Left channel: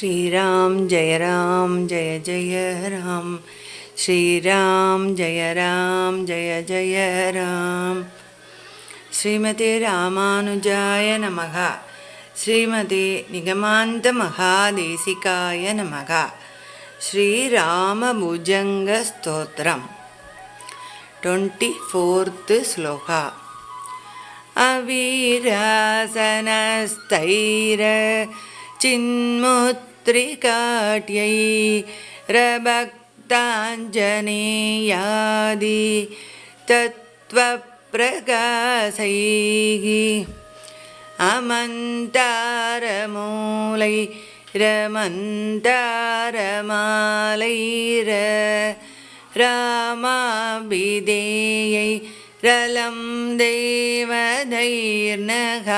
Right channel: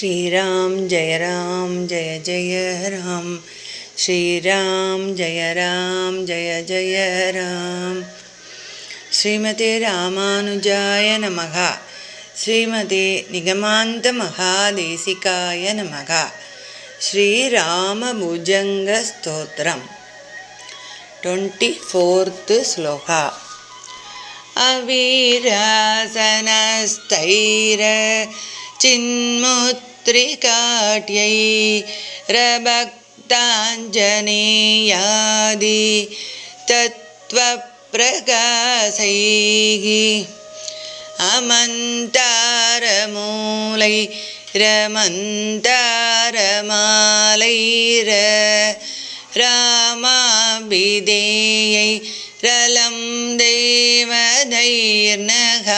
श्रीराम जय राम जय जय राम श्रीराम जय राम जय जय राम श्रीमते रामानुजाय नमः श्रीमते निगमान्तमहादेशिकाय नमः श्रीरामभुजङ्गस्तोत्रं ट्वेण्टि फोर्त् श्लोकः अवीरासनस्तैरचिन्मुत् त्रिकाट्यैरभक्ताञ्जनेयादि अमंतारमूल अमन्तारमूलैरमन्तारमालैर रामाभिधेयैरलं देवधैर्नः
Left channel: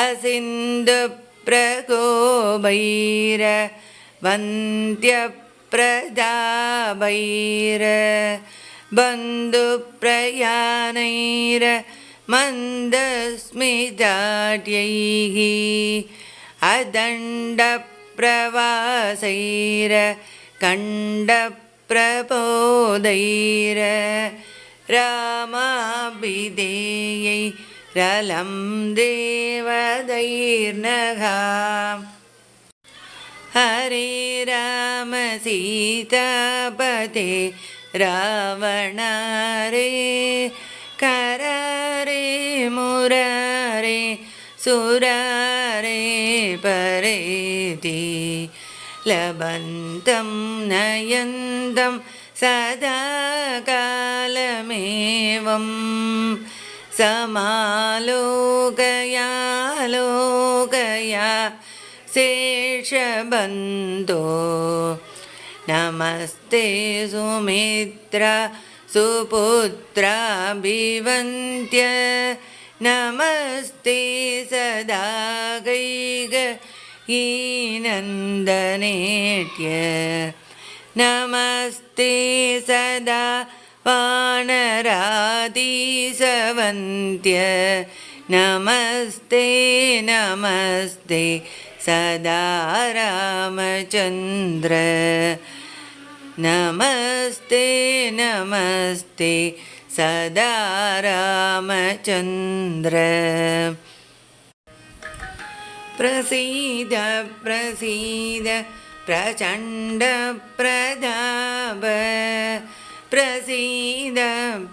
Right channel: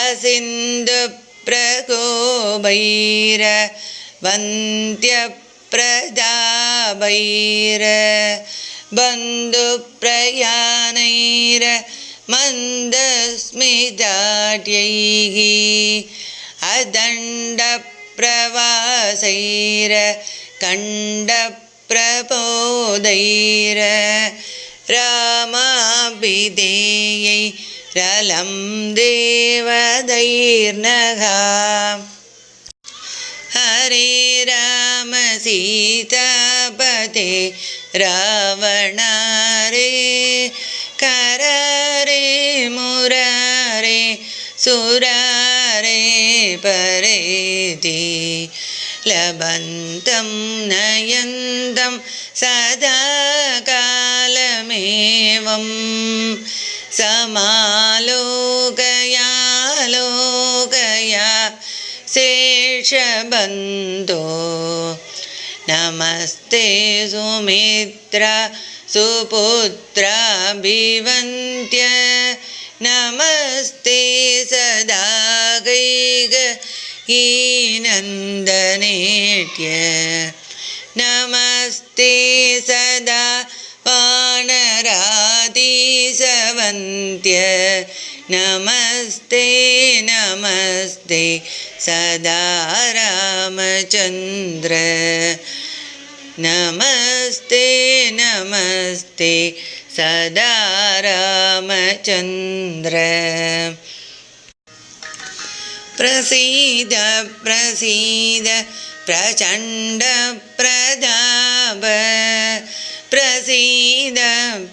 असिन्धु प्रगोबैर, वैरवन्त्यप्रजावैर बन्धुप्रयानैर मन्दस्मिदाैः अदण्डप्रवासैर कण्डप्रबोदैर रामाभिधेयै ശലം ദൈർണഹ ഹരേ രാമ സീതപതി രാവണ കരേ സുരേതി ലഭന്തം നയന്തം സദാകാലമേവം समालोकया लोकया नमस्ते सुमित्र सुपुत्राभिवन्त्य नमस्ते सदा गैगीनन्दनीत्य नमस्ते सदा वानरादी न्त्य नमस्ते नमस्ते सदा रामचन्द्र नमस्ते नमस्ते सदा रामचन्द्र प्रसीद प्रसीद प्रसीदप्रसीद प्रसीद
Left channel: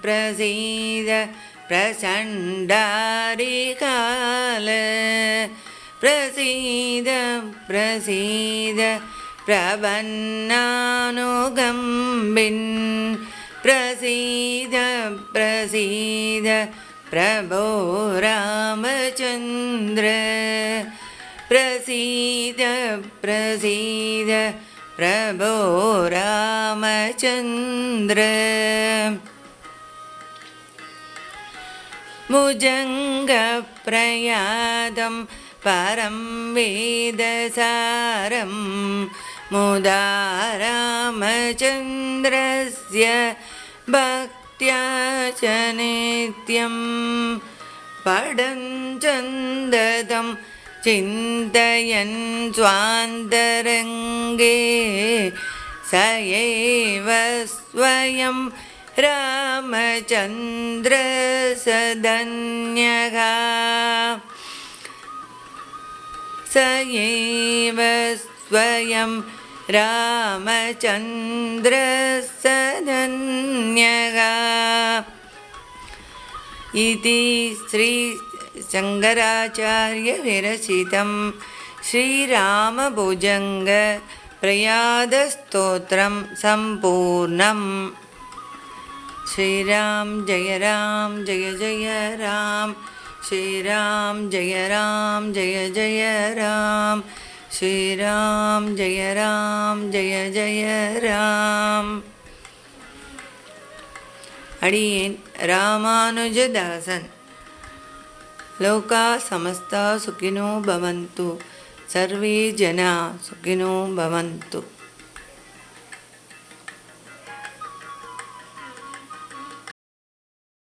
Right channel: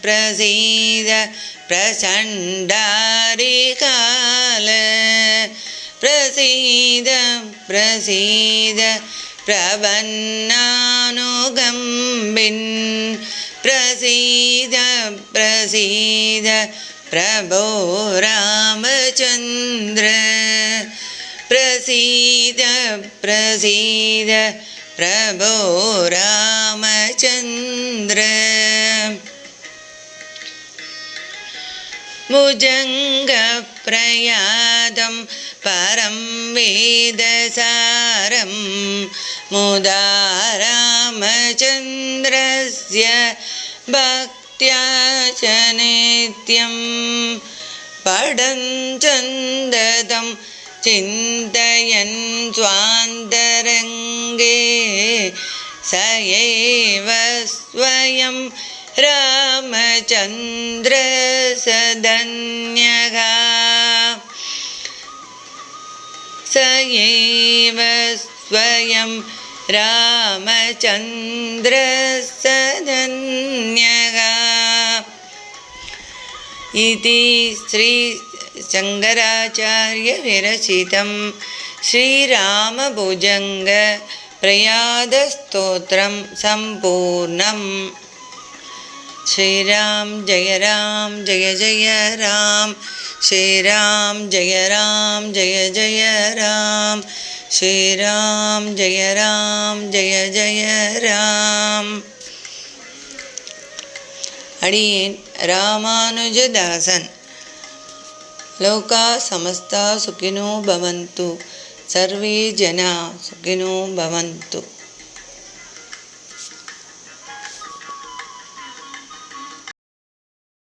प्रसीद प्रचण्डारिकाल प्रवन्नानुगम्बिन् प्रसीद प्रसीद प्रभो रामचन्द्र प्रसीद प्रसीद प्रभो रामचन्द्र ഭുജംഗപ്രയാദം പരം വേദസാരം മുദാരാമചന്ദ്രസ്യ ഭക്തിയാചനേത്യം പടം ചന്ദതം ചിന്തയൻ സ്വാന്തരംഗേ സയേവ സ്വയം न्द्रसन्यगा स एव स्वयं रामचन्द्रसधन्यगा इति श्रीशङ्कराचार्यविरचितं श्रीरामभुजङ्गप्रयादस्तोत्रं सम्पूर्णम् श्रीराम जय राम जय जय राम श्रीराम जय राम जय जय राम श्रीराम जय राम जय जय रामानुजदासन् लोका समस्ता सुखिनो भवन्तु सर्वे जना सुखिनो भवन्तु